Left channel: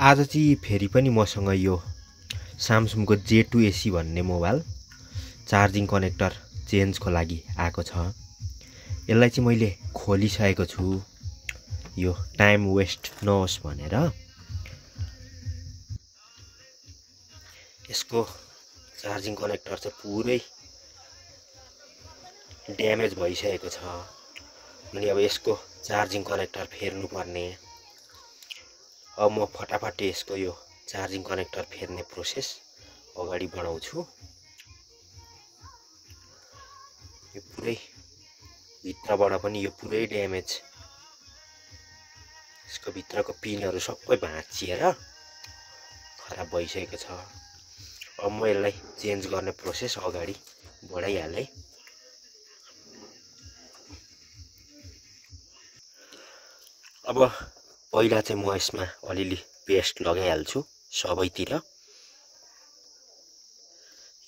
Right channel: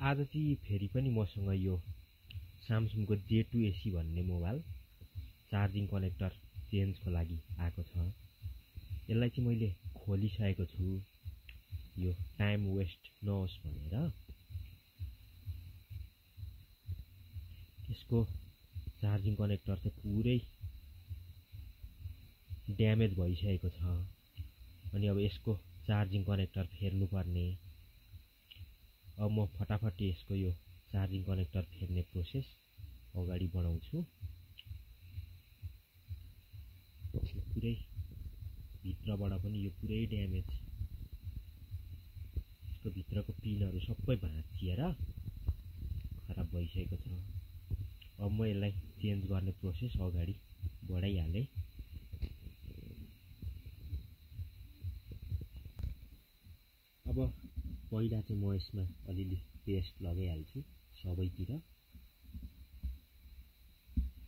आज चाहिँ फेरि पनि मसँग यो सामसुङको J2 AC भन्ने मोबाइल चार्जिङ कनेक्टर चेन्जको लागि आएको छ। यसलाई चाहिँ मैले खोलिसकेको छु, यो टाइम वेस्ट नहोस् भनेर। यसको चार्जिङ कनेक्टर चाहिँ पुरै ड्यामेज भइसकेको छ। अनि अब यसको चार्जिङ कनेक्टर फेर्नु पर्ने। अब म फटाफट यसको यो चार्जिङ कनेक्टर फेर्ने प्रोसेस अगाडि बढाउँछु। यो पुरै भित्रबाट पनि यो पुरै ड्यामेज, यसको भित्रको पिनहरू सबै भाँचिएर खराब भइसकेको छ। अब म यसलाई चेन्ज गर्ने प्रोसेस अगाडि बढाइहालेँ। अब पहिला चाहिँ म यसमा अलिअलि पेस्ट लगाइहाल्छु सबैतिर।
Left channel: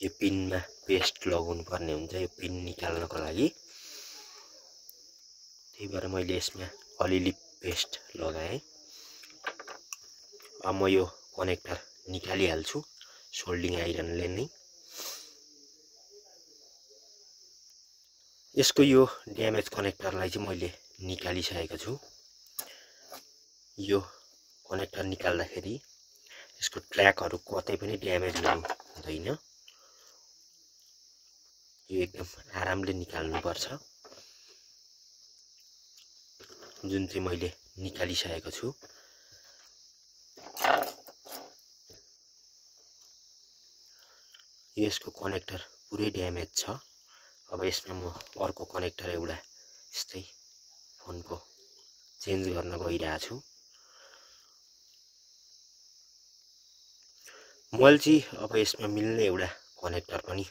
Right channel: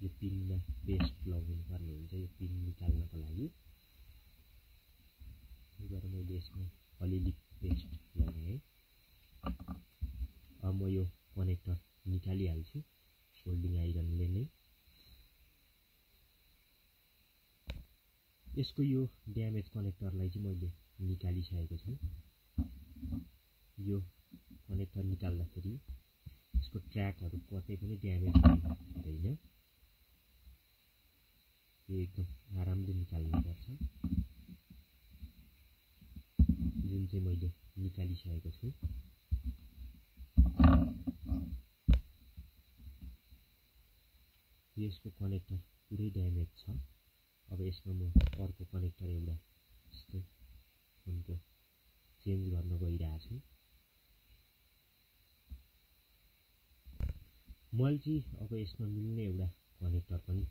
यो पिनमा पेस्ट लगाउनु पर्ने हुन्छ यो पिन निकाल्नको लागि। त्यही भएर मैले यसमा अलिअलि पेस्ट लगाएँ। अब म यो कनेक्टर निकालिहाल्छु सोल्डिङ आइरनले नै। यसको यो ड्यामेज कनेक्टरलाई चाहिँ मैले निकालिसकेको छु। यो कनेक्टर निकाल्दाखेरि यसको ट्र्याकहरू कतै पनि ड्यामेज हुँदैन। यो एकदम आरामले निकाल्नुपर्छ, जुन चाहिँ मैले निकालिसकेको छु। यसको कनेक्टर पुरै ड्यामेज छ। अब यसमा म अर्को कनेक्टर एउटा यस्तै फोनको चेन्ज गर्न गइरहेको छु। मैले चाहिँ अब यसमा मिल्ने एउटा कनेक्टर पनि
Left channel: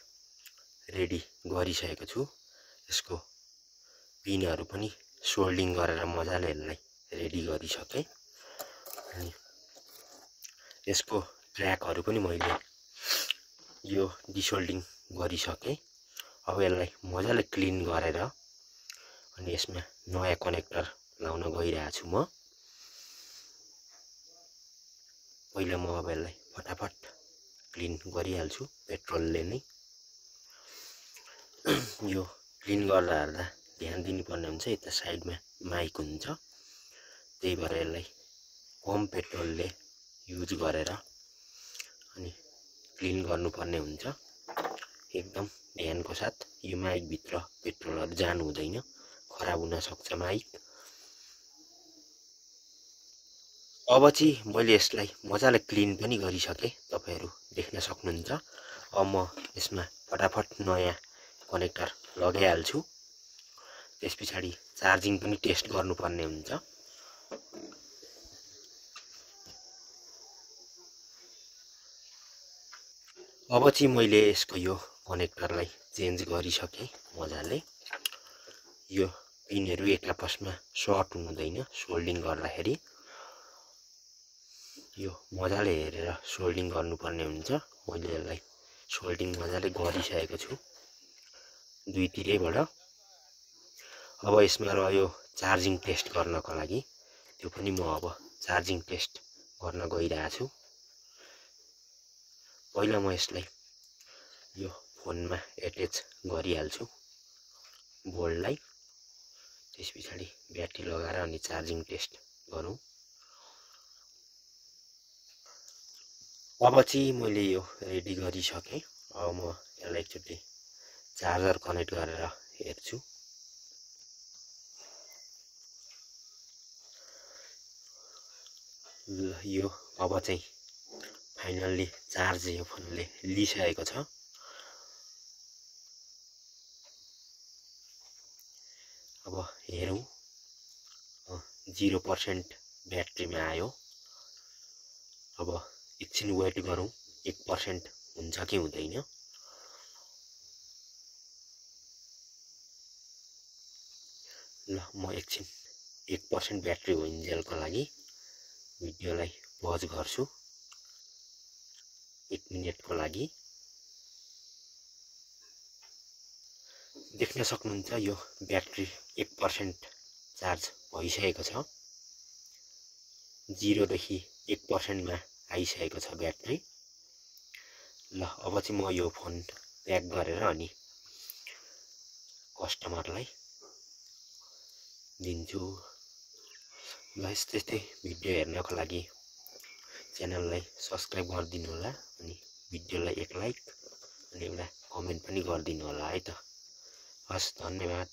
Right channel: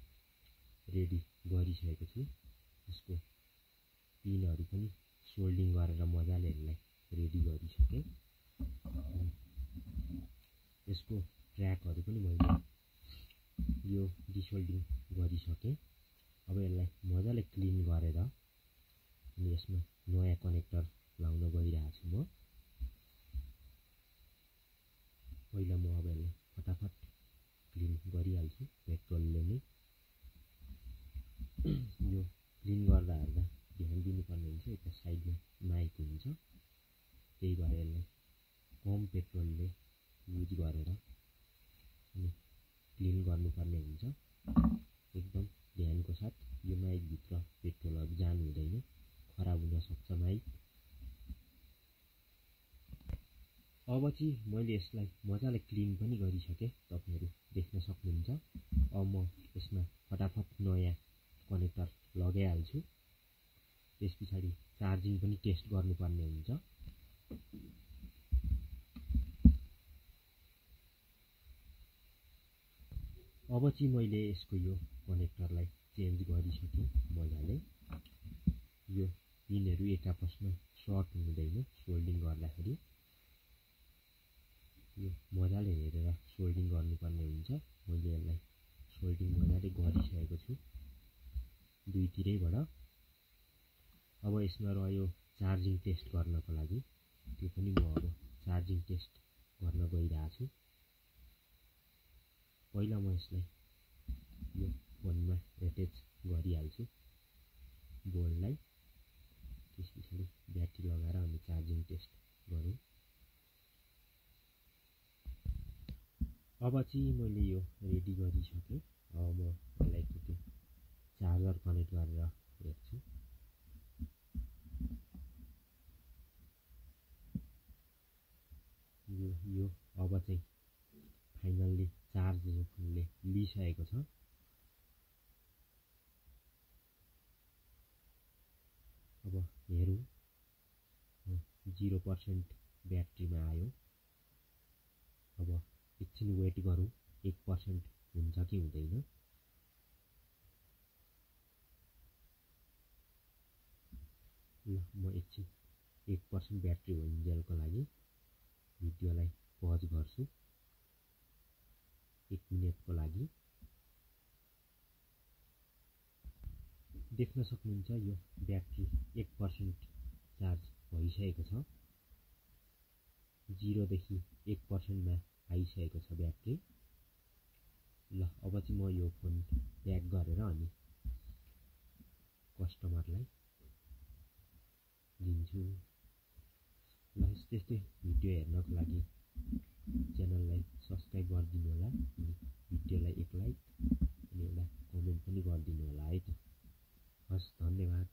रेडी गरिसकेको छु। यसको पिनहरू पनि सोल्डिङ गरेर मजाले यसलाई रेडी गरिसकेँ। अनि यसको ट्र्याकहरू पनि मैले यो डिसोल्डिङ गरिसकेँ। अब यसलाई मजाले क्लिन गरेर अनि यसमा नयाँ कनेक्टर लाउन गइरहेको छु म। पहिला म अब यसलाई फटाफट क्लिन गरिहाल्छु पेट्रोलले नै। यो क्लिन गर्दा ध्यान दिनुपर्ने हुन्छ, यता साइडमा माइक हुन्छ। त्यही भएर यसलाई कम पेट्रोलले युज गरेर अनि क्लिन गर्नुपर्ने हुन्छ। एकदम ध्यानको साथ। यो माइकभित्र पेट्रोलहरू जानु हुँदैन, खराब हुन सक्छ माइक। अब चाहिँ मैले यसलाई मजाले क्लिन पनि गरिसकेँ, तपाईहरू देख्न सक्नुहुन्छ। अब म यसमा फटाफट नयाँ कनेक्टर लगाइहाल्छु। त्यस पछाडि चार्जिङ पनि टेस्ट गर्नुपर्ने हुन्छ। अब चाहिँ मैले यसको यो कनेक्टरलाई चेन्ज गरिसकेँ मजाले। यो पिनहरू एक आपसमा सर्ट हुँदैन सोल्डिङ गर्दाखेरि। यो मजाले हेरेर सोल्डिङ गर्नुपर्ने हुन्छ। मैले यसलाई सोल्डिङ मजाले गरिसकेको छु दुईतिरैबाट। अब यसमा रह्यो चार्जिङ टेस्ट गर्नको लागि। त्यो पनि म अब चार्जिङ टेस्ट गर्न गइरहेको छु। पहिला म यसलाई यो फोनमा एट्याच गरिहाल्छु बोर्डलाई। त्यस पछाडि ब्याट्री लगाएर अनि चार्जिङ टेस्ट गरौँ। अब चाहिँ मैले यो रेडी गरिसकेँ। अब म यसलाई एकचोटि चार्जर कनेक्ट गरेर हेर्छु। यो अब चाहिँ फाइनल्ली चार्ज यो फोनले लिइसकेको छ। अब हेरौँ, 0% ब्याट्रीमा आयो। अब एकछिन वेट गरौँ 1% हुन्छ कि हुँदैन। ल म एकछिन 1% ब्याट्री होइन्जेलको लागि भिडियोलाई पज गर्छु 1 मिनेटको लागि। देख्न सक्नुहुन्छ यो ब्याट्री 1% चार्ज भइसकेको छ। 0 देखि 1% मा आइसकेको छ ब्याट्री। ल अब चाहिँ म यो फोन प्याक गरेर अनि कस्टमरलाई दिन्छु। ल यस्तै भिडियो हेर्नको लागि च्यानललाई सब्स्क्राइब गरिदिनु होला अनि भिडियोलाई एक लाइक अनि एउटा कमेन्ट पनि गरिदिनु होला है त। हस्, धन्यवाद।